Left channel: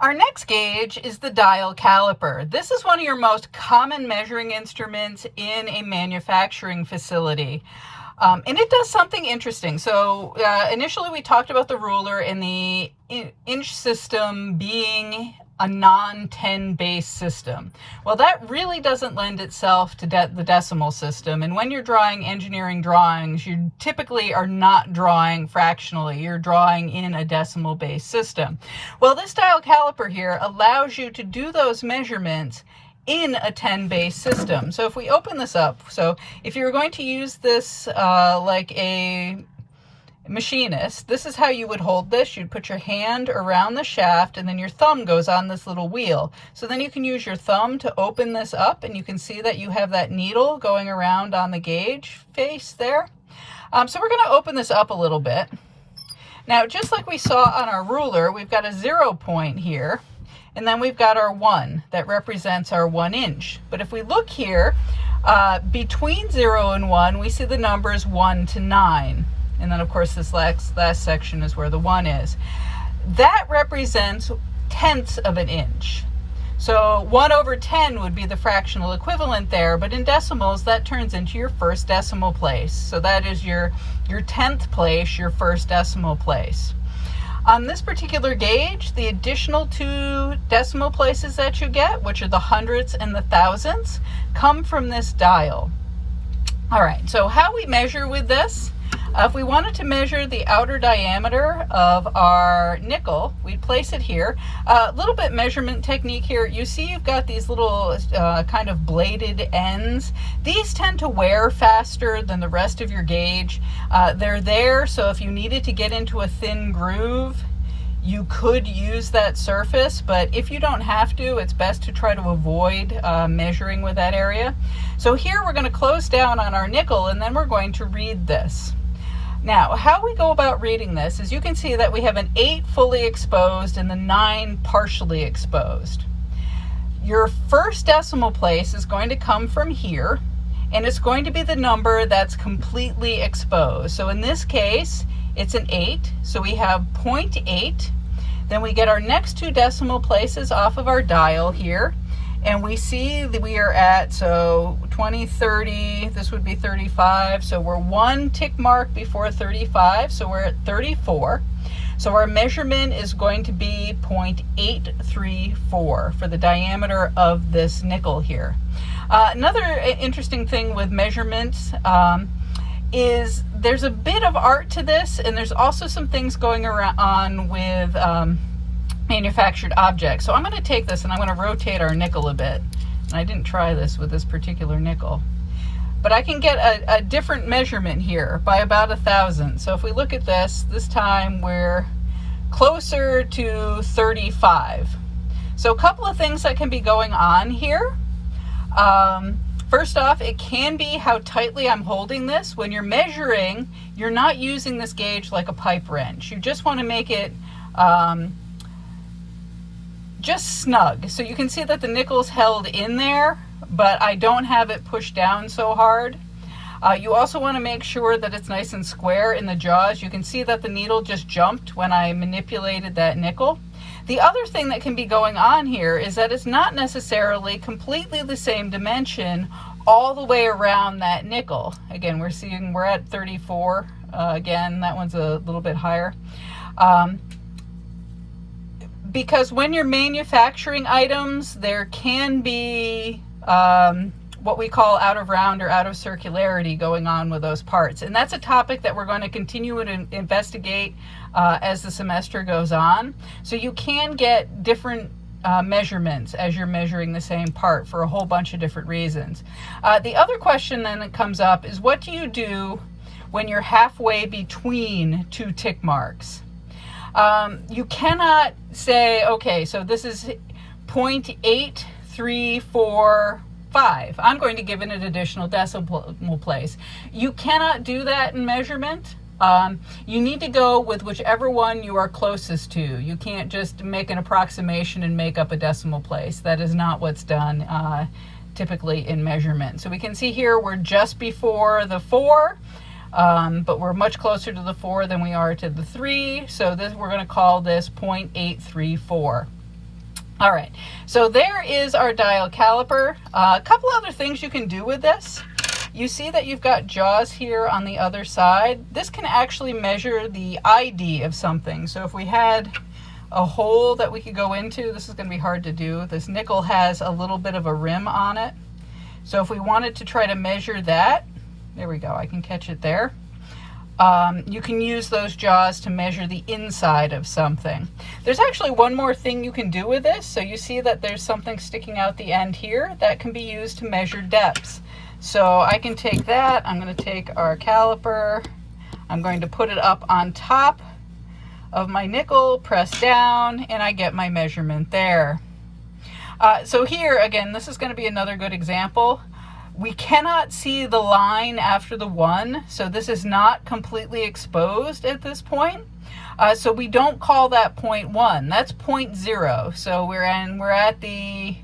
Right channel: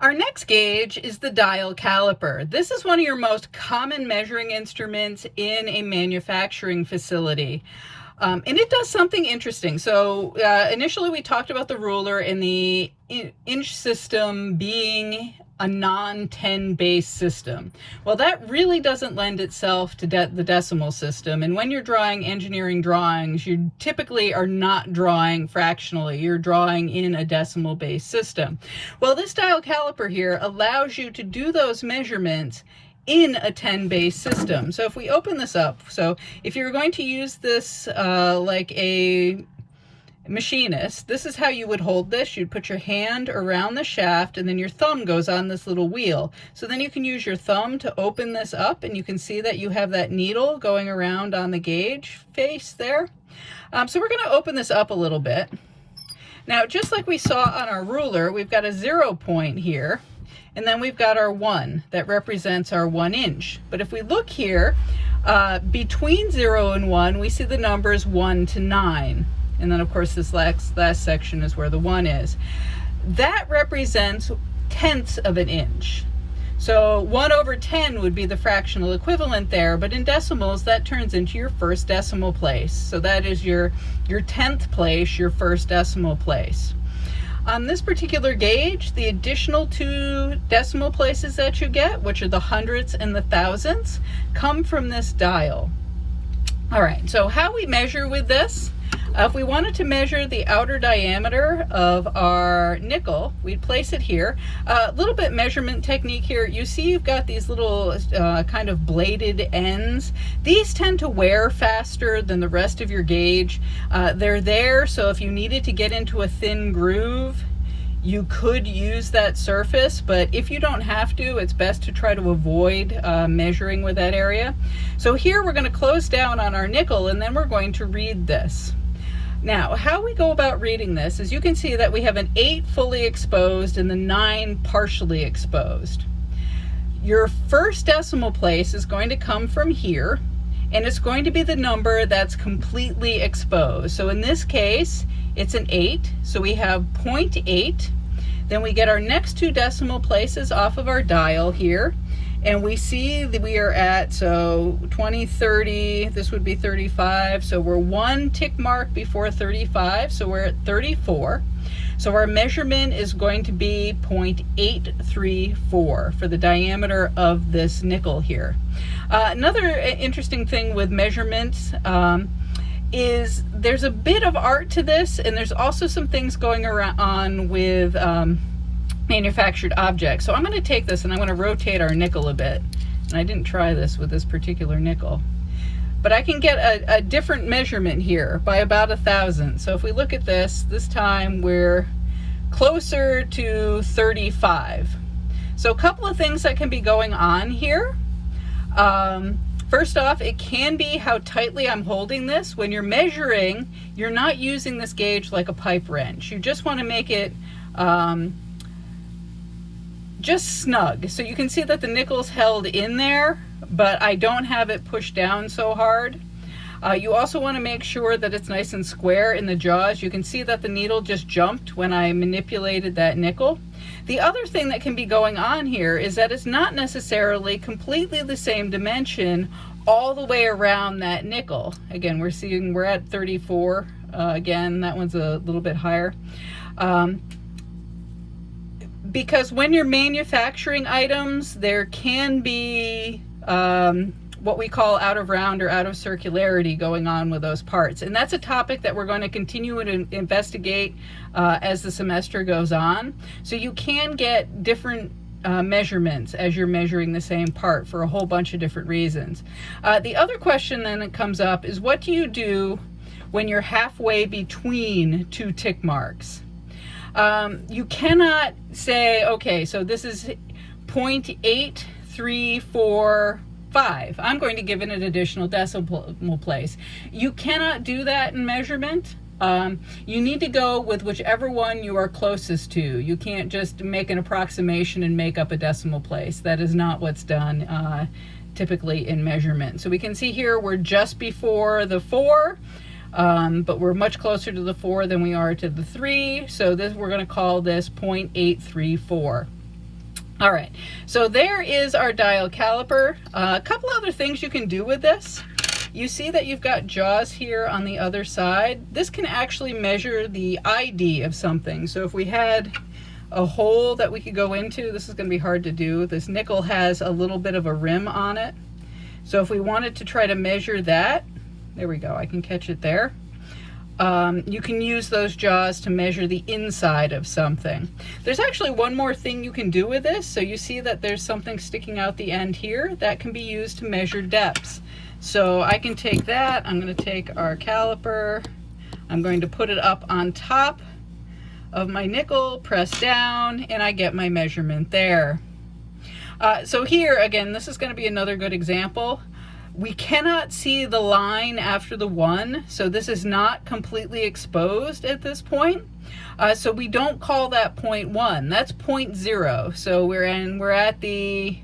Our next gauge is the dial caliper. This is one of your most common measuring instruments in a manufacturing facility. And it does something interesting. So initially we talked about the ruler and the inch system being a non-10 base system. Well, that really doesn't lend itself to the decimal system. And when you're drawing engineering drawings, you typically are not drawing fractionally. You're drawing in a decimal base system. Well, this dial caliper here allows you to do those measurements in a 10 base system. So if we open this up, so if you're going to use this like a machinist, this is how you would hold this. You'd put your hand around the shaft and then your thumb goes on this little wheel. So then you can use your thumb to open this up and you can see that you have that needle going around on the gauge face there. So we're going to open this up a little bit. Now, just like we saw on our ruler, we've got a 0 point here. And then we've got our 1 that represents our 1 inch. But if we look here, between 0 and 1, we see the numbers 1 to 9. And then, of course, this last section is where the 1 is. That represents tenths of an inch. So 1 over 10 would be the fractional equivalent there, but in decimals, that turns into your first decimal place. So that is your 10th place, your first decimal place. On this particular gauge, the additional 2 decimal places that you get, which are the hundredths and the thousandths, come from this dial. All right, so how we measure with this, if we wanted to measure the outer diameter of our nickel, we'd place it here. A little bit measurement technique here. You see you've got these little kind of bladed ends. These tend to wear faster than the rest of your gauge. They're there, so if you needed to get into a thin groove, you could use that surface, but if you don't have to, it's best to try to avoid measuring with that area. So here we're going to close down on our nickel and then we're going to read this. Now, how we go about reading this is you can see that we have an 8 fully exposed and the 9 partially exposed. Your first decimal place is going to come from here, and it's going to be the number that's completely exposed. So in this case, it's an 8, so we have 0.8. Then we get our next 2 decimal places off of our dial here, and we see that we are at, so 20, 30, this would be 35, so we're 1 tick mark before 35, so we're at 34. So our measurement is going to be 0.834 for the diameter of this nickel here. Another interesting thing with measurements is there's a bit of art to this, and there's also some things going on with manufactured objects. So I'm going to take this and I'm going to rotate our nickel a bit. And I didn't try this with this particular nickel. But I can get a different measurement here by about 1,000. So if we look at this time we're closer to 35. So a couple of things that can be going on here. First off, it can be how tightly I'm holding this. When you're measuring, you're not using this gauge like a pipe wrench. You just want to make it just snug. So you can see that the nickel's held in there, but I don't have it pushed down so hard. You also want to make sure that it's nice and square in the jaws. You can see that the needle just jumped when I manipulated that nickel. The other thing that can be going on here is that it's not necessarily completely the same dimension all the way around that nickel. Again, we're at 34. Again, that one's a little bit higher. Because when you're manufacturing items, there can be what we call out of round or out of circularity going on with those parts. And that's a topic that we're going to continue to investigate as the semester goes on. So you can get different measurements as you're measuring the same part for a whole bunch of different reasons. The other question then that comes up is, what do you do when you're halfway between 2 tick marks? You cannot say, okay, so this is 0.8345. I'm going to give it an additional decimal place. You cannot do that in measurement. You need to go with whichever one you are closest to. You can't just make an approximation and make up a decimal place. That is not what's done typically in measurement. So we can see here we're just before the 4. But we're much closer to the 4 than we are to the 3. So this, we're going to call this 0.834. All right, so there is our dial caliper. A couple other things you can do with this. You see that you've got jaws here on the other side. This can actually measure the ID of something. So if we had a hole that we could go into, this is going to be hard to do. This nickel has a little bit of a rim on it. So if we wanted to try to measure that, there we go, I can catch it there. You can use those jaws to measure the inside of something. There's actually one more thing you can do with this. So you see that there's something sticking out the end here that can be used to measure depths. So I can take that, I'm going to take our caliper, I'm going to put it up on top of my nickel, press down, and I get my measurement there. So here, again, this is going to be another good example. We cannot see the line after the 1, so this is not completely exposed at this point. So we don't call that point 1, that's point 0. So we're at the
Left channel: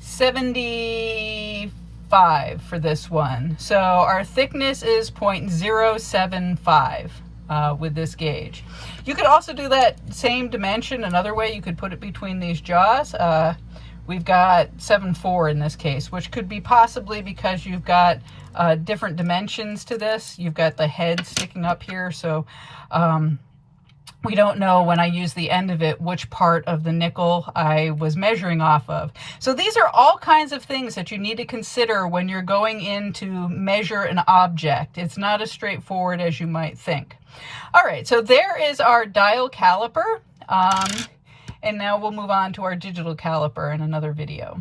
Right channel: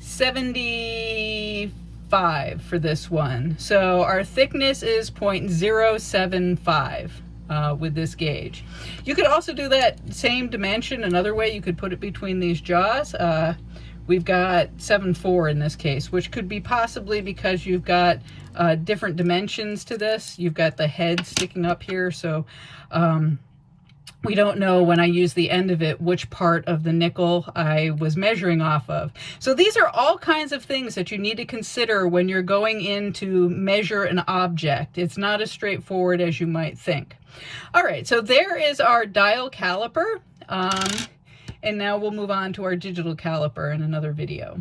75 for this one. So our thickness is 0.075 with this gauge. You could also do that same dimension another way. You could put it between these jaws. We've got 7.4 in this case, which could be possibly because you've got different dimensions to this. You've got the head sticking up here, so we don't know when I use the end of it which part of the nickel I was measuring off of. So these are all kinds of things that you need to consider when you're going in to measure an object. It's not as straightforward as you might think. All right, so there is our dial caliper. And now we'll move on to our digital caliper in another video.